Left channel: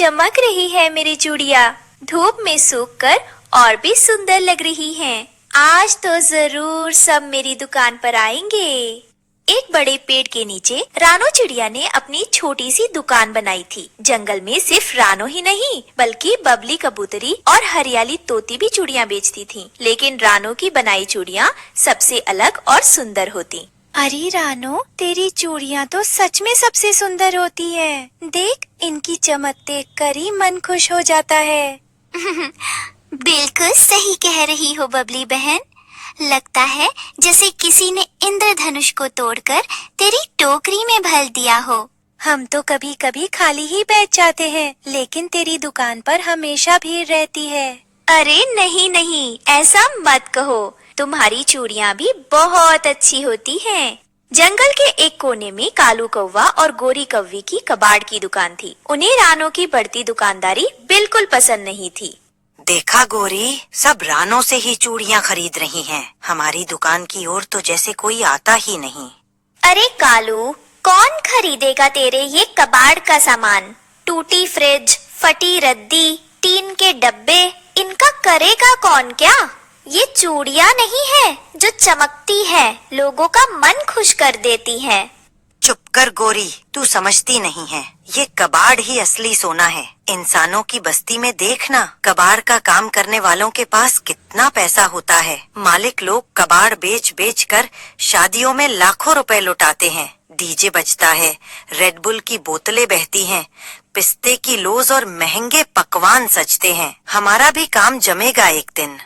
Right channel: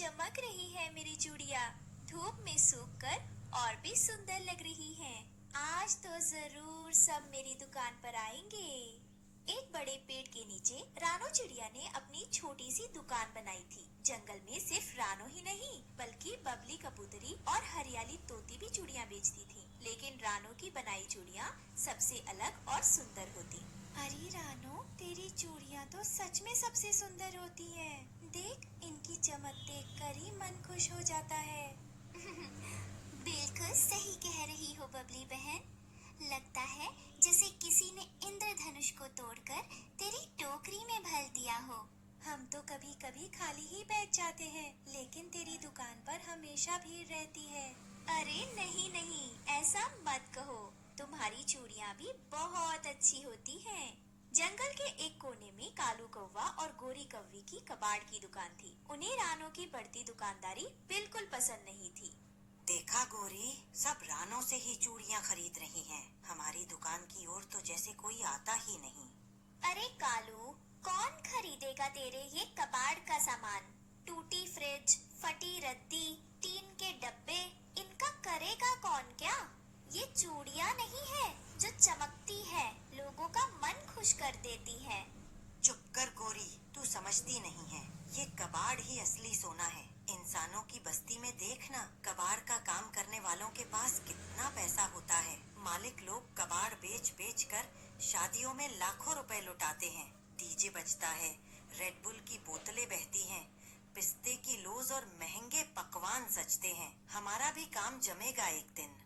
चमक रही है मेरी चूड़ियाँ, धूप में सूखकर और भी सुंदर लग रही हैं। आज तो जरूर सब मेरी दुकान पर आएंगे। एक बड़े पेड़ के नीचे रानो चिड़िया ने अपनी छोटी सी दुकान बनाई थी। जंगल में सिर्फ रानो ही नहीं बल्कि बबली कबूतरी और हरियाली तोती भी चूड़ियाँ बेचती थीं। लेकिन रानो की बनाई चूड़ियाँ सबसे अलग और सुंदर होती। अरे रानो, तेरी चूड़ियाँ तो सच में सबसे सुंदर होती है। देख, इनकी चमक देखकर ही मन खुश हो जाता है। बिल्कुल सही कह रही हो बबली बहन। लगता है जैसे किसी ने इंद्रधनुष को तोड़कर तेरी टोकरी में भर दिया हो। हम तो कभी कभी खाली ही बैठ जाते हैं, लेकिन तेरी दुकान पर हमेशा भीड़ रहती है। अरे नहीं नहीं, ऐसा मत कहो। तुम्हारी चूड़ियाँ भी बहुत अच्छी होती हैं। जंगल के एक कोने में कालू कौवा और गोरी कौवी की कबाड़ की दुकान थी। उन्हें रानो की बढ़ती दुकानदारी बिल्कुल पसंद नहीं थी। देखा गोरी, सब रानो से ही चूड़ियाँ खरीद रही हैं। हमारी दुकान की ओर तो जैसे कोई आता ही नहीं। अरे कालू, कौन खरीदेगा तेरे ये कबाड़ का सामान? टूटी फ्रिज, फटी रद्दी, टीन के डब्बे, इनका करेगा कौन क्या? ये चूड़ियाँ नहीं है जो चमकती है, लोगों का मन खुश कर देती है। चुप कर गोरी, तू समझती नहीं है। ये कबाड़ ही असली सोना है। इंसानों की बस्ती में देखना, कबाड़ का काम करने वालों के पास कितना पैसा होता है। मालिक लोग कबाड़ बेच बेच कर शादियों में लाखों रुपए लुटाते हैं। डीजे बजता है, रेडबुल की बोतलें बहती हैं, पिस्ते की लोज और महंगे पकवान सजते हैं। हमारा भी काम जमेगा एक दिन।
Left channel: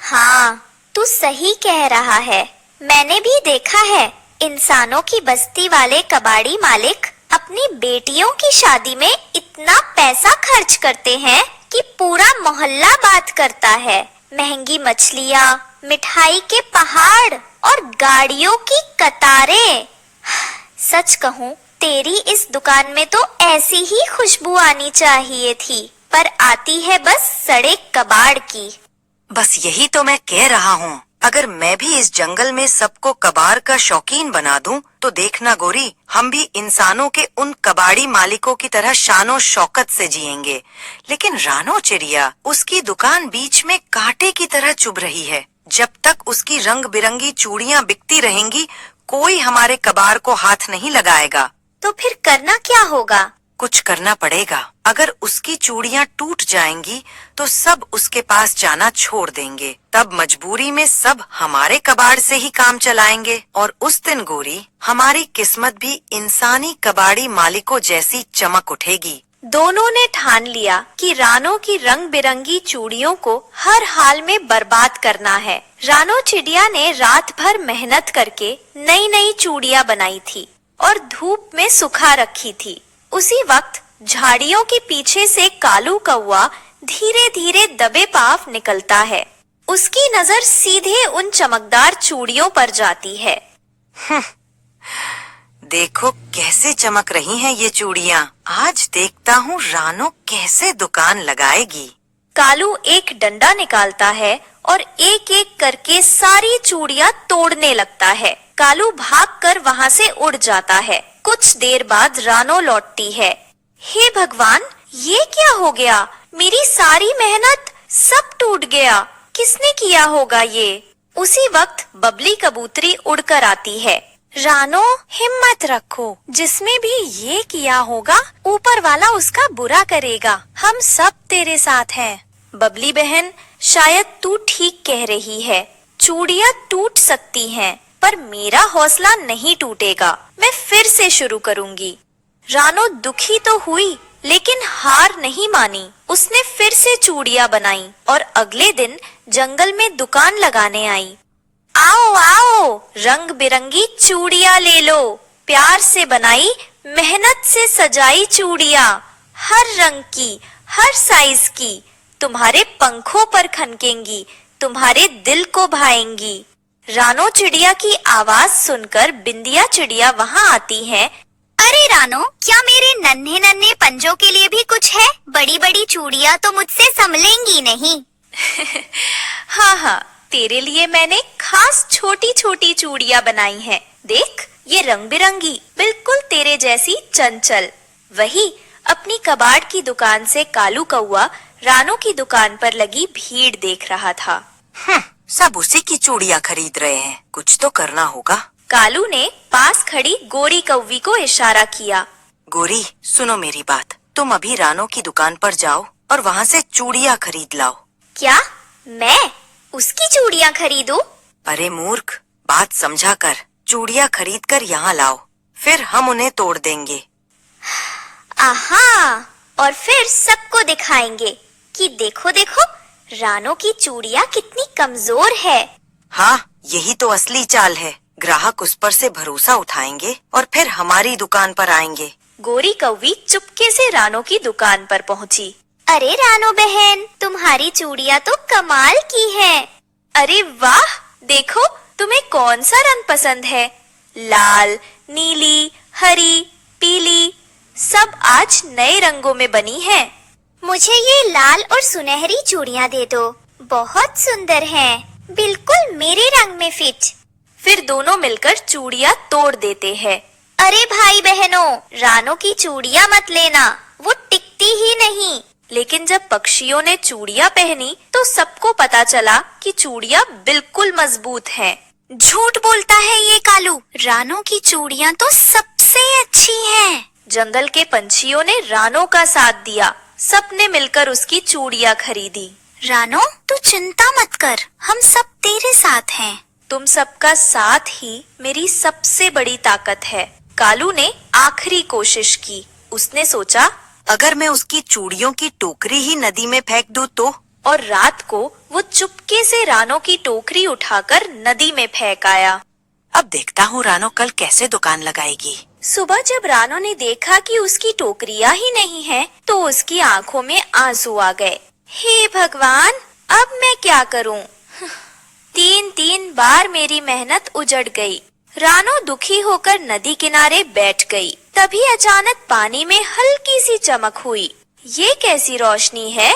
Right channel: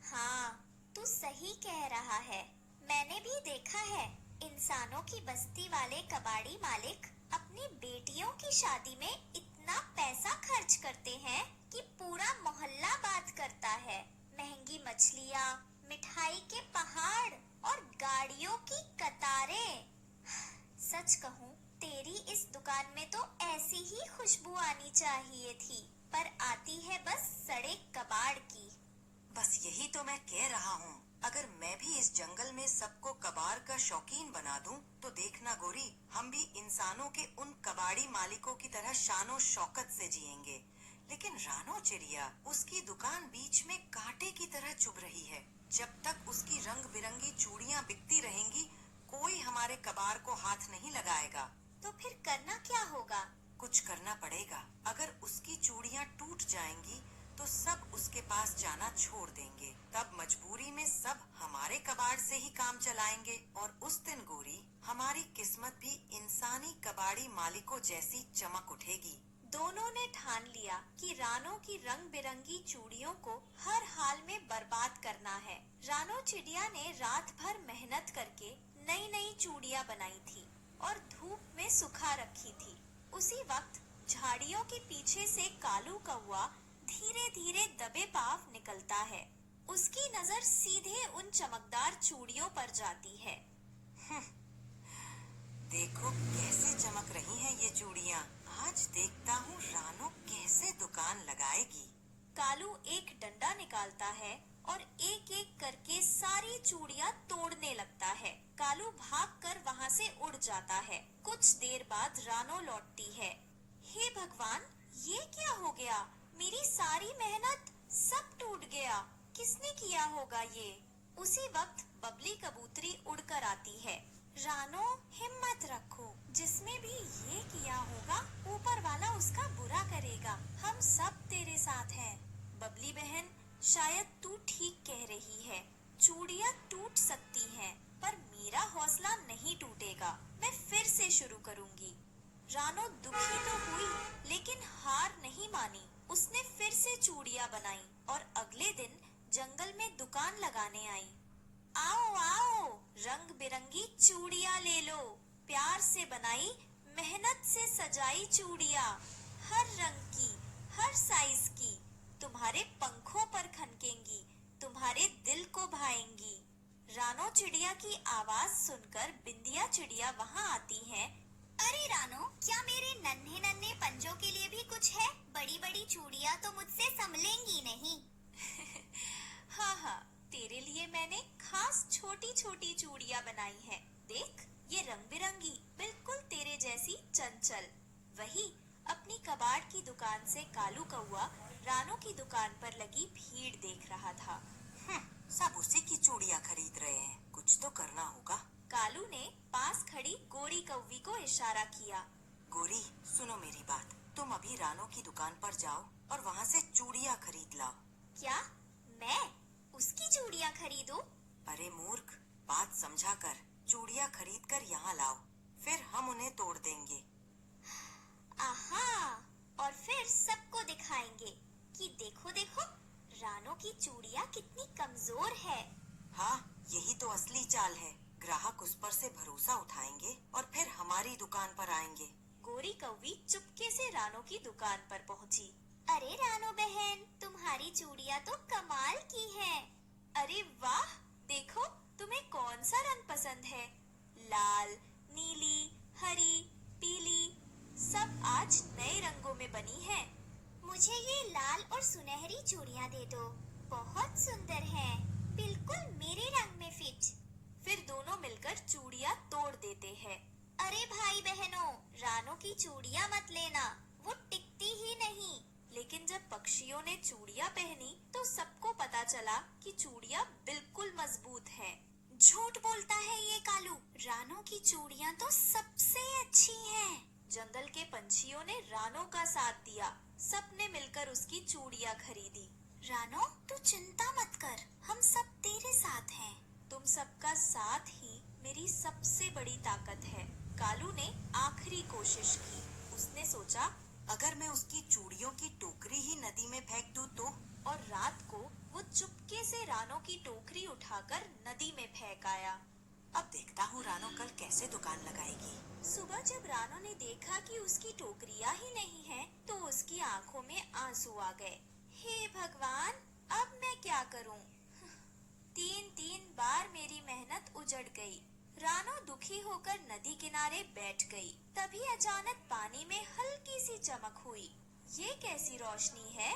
हाँ, तू सही कह रहा है। मैंने भी देखा है, इंसानों की बस्ती वाले कबाड़ी मालिक अपनी बेटियों की शादी में इतना पैसा खर्च करते हैं कि पूरा मोहल्ला बात करता है। महंगी मछलियाँ, मिठाई के पहाड़ और गाड़ियों की कतारें। सच कहूँ, तेरी इस दुकान में तो ऐसी ही खुशबू आनी चाहिए थी, पर आती है बस सड़े कबाड़ की। बस यही तो मैं कह रहा हूँ। अगर मैं भी इस जंगल में सबको कबाड़ का शौकीन बना दूं, तो देखना गोरी, हम भी इंसानों के उन कबाड़ी मालिकों की तरह शानो शौकत से जिएंगे। लेकिन रानो चिड़िया, उसकी दुकान बीच में कांटे की तरह चुभ रही है। जब तक उसकी रंग बिरंगी चूड़ियाँ बिकती रहेंगी, कोई हमारे कबाड़ को हाथ नहीं लगाएगा। तो फिर करना क्या होगा? कुछ करना पड़ेगा। अगर उसकी चूड़ियाँ टूट जाएंगी तो सब उसके पास जाना छोड़ देंगे। तब मजबूरी में सब हमारे कबाड़ से ही काम चलाएंगे। और उस दिन गोरी, हमारी किस्मत भी इंसानी कबाड़ी मालिकों जैसी चमक उठेगी। दोनों ने ठान लिया कि रानो की रंग बिरंगी चूड़ियों को हर हाल में बर्बाद करना है। रानो चिड़िया ने रात भर मेहनत करके नई नई चूड़ियाँ बनाई थी और धूप में सुखा रखी थी। उसी वक्त झाड़ियों के पीछे से कालू कौवा धीरे धीरे दबे पांव निकलता है। उसकी नजर सीधे उन चमकदार चूड़ियों पर जाती है। देखो कैसे चमक रही हैं ये चूड़ियाँ। आज देखता हूँ रानो कैसे दुकान लगाएगी। कालू एक डंडा निकालता है और एक एक करके सारी चूड़ियाँ तोड़ने लगता है। कालू भागकर वहाँ से उड़ जाता है। कुछ देर बाद रानो लौटती है। हे भगवान, ये क्या हो गया? मेरी सारी मेहनत सब टूट गया। किसने किया होगा ये? उसी वक्त बबली कबूतरी उड़कर आती है। रानो, हिम्मत रखो, जिसने भी ये किया होगा ऊपर वाला उसका बुरा करेगा। हम सब तेरे साथ हैं। बबली बहन, शायद तू ठीक कह रही है। चूड़ियाँ टूट सकती हैं, पर मेरा हौसला नहीं टूटेगा। मैं फिर से शुरू करूंगी। रानो दुखी तो हुई, लेकिन हार नहीं मानी। उसने फिर से चूड़ियाँ बनाई और अगले दिन जंगल में दुकान लगाने आई। आओ आओ, रंग बिरंगी चूड़ियाँ ले लो। प्यार से बनाई, मेहनत से सजाई चूड़ियाँ, हर रंग की, हर साइज की। तुम्हारे पंखों पर खनकेंगी, तुम्हारे दिल को भाएंगी। रानो चिड़िया की आवाज सुनकर बिंदिया चिड़िया वहाँ आती है। अरे रानो, क्या मेरे नन्हे नन्हे पंजों के लिए भी कुछ है? बड़ी बड़ी चूड़ियाँ तो मुझसे संभलेंगी नहीं। हाँ हाँ, तेरे लिए मैंने खास छोटी छोटी चूड़ियाँ बनाई हैं। देख, ये रंग बिरंगी, बिल्कुल तेरे जैसी चंचल। वही अपनी कबाड़ की दुकान से कालू कौआ रानो की दुकान पर लगी भीड़ देख रहा था। सब उसी की चूड़ियाँ खरीद रहे हैं, कुछ तो करना होगा। कालू ने पास खड़ी गोरी कौवी को इशारा किया। गोरी, सुनो मेरी बात, तुम अभी रानो की दुकान पर जाओ और वहाँ से चूड़ियाँ खरीद लाओ। क्या मैं उसकी चूड़ियाँ खरीदूं? अरे मूर्ख, बात समझा कर। चूड़ियाँ खरीद कर यहाँ लाओ, फिर हम उन्हें तोड़ देंगे। आहा, और फिर सबको दिखाएंगे कि देखो देखो रानो की चूड़ियाँ कितनी कमजोर है। हाँ, यही तो असली चाल है। ग्राहक उस पर से भरोसा उठाएंगे और फिर हमारी दुकान पर आएंगे। गोरी कौवी चुपके से रानो की दुकान पर पहुंची। अरे रानो बहन, तुम्हारी चूड़ियाँ तो कमाल की हैं। अरे वाह, देखो तुम्हें कौन सा रंग पसंद है? लाल, नीली, हरी, पीली, सब आज नए रंगों में बनी हैं। मुझे ये लाल और सुनहरी चूड़ियाँ दे दो, बहुत सुंदर हैं, बिल्कुल मेरे रंग में फिट। फिर दोनों मिलकर चूड़ियाँ तोड़ देते हैं। अरे भाई बहनों, रानो की चूड़ियाँ मत लेना, वो टिकती ही नहीं। लेकिन जब पक्षियों ने चूड़ियाँ पहनी तो सबको पता चला कि चूड़ियाँ बिल्कुल मजबूत हैं। झूठ बोलता है ये कालू, रानो की चूड़ियाँ तो सबसे अच्छी हैं। जंगल के पंछियों ने रानो का साथ दिया, सबने मिलकर उसकी चूड़ियाँ खरीदी। रानो, तू चिंता मत कर, हम सब तेरे साथ हैं। तुम सबका साथ ही मेरी सबसे बड़ी ताकत है। कालू ने आखिरी कोशिश की। उसने सोचा, अगर मैं उसकी चूड़ियों की टोकरी ही नदी में फेंक दूं तो? और रात को वो चुपके से रानो की टोकरी उठाकर नदी में फेंक आया। अब देखता हूँ रानो कल कैसे दुकान लगाएगी। सुबह जब रानो ने देखा कि उसकी टोकरियाँ ही नहीं है, तो उसकी आंखों में आंसू आ गए। हे भगवान, अब मैं क्या करूँ? 3 बार मेरी मेहनत उजड़ गई। रानो दुखी होकर नदी किनारे बैठ गई। तभी अचानक पानी में हल्की सी चमक हुई। ये कैसी रोशनी है?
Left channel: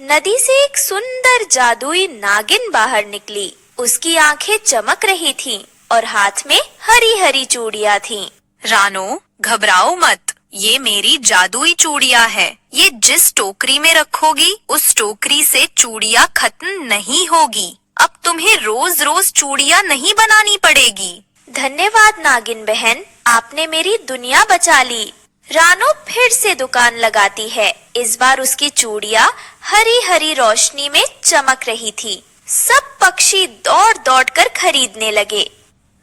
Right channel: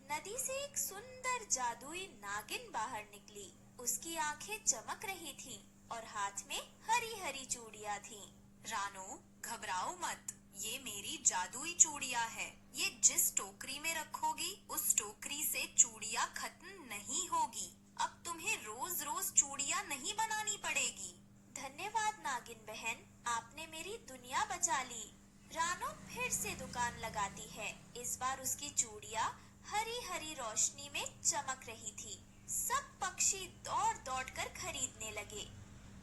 नदी से एक सुंदर जादुई नागिन बाहर निकली। उसकी आंखें चमक रही थीं और हाथ में हरी हरी चूड़ियाँ थीं। रानो, घबराओ मत, ये मेरी जादुई चूड़ियाँ है। ये जिस टोकरी में रखोगी उस टोकरी से चूड़ियाँ खत्म नहीं होगी। अब तुम्हें रोज रोज चूड़ियाँ नहीं बनानी पड़ेगी। धन्यवाद नागिन बहन, आपने मेरी दुनिया बचा ली। रानो फिर से दुकान लगाती है। इस बार उसकी चूड़ियाँ हरी हरी रोशनी में चमक रही थी। सब पक्षी दौड़ दौड़ कर खरीदने लगे।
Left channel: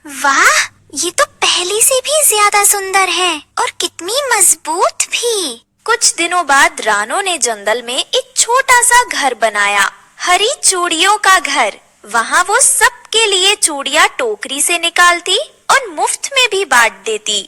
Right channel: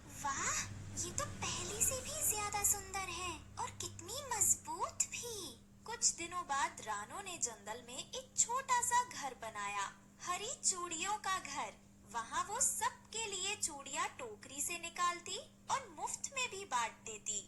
वाह, ये तो पहले से भी ज्यादा सुंदर है और कितनी मजबूत भी। कुछ दिनों बाद रानो ने जंगल में एक छोटा सा घर बनाया, हरी चूड़ियों का घर। वहाँ वो सबके लिए चूड़ियाँ टोकरी से निकालती और मुफ्त में भी बांट देती।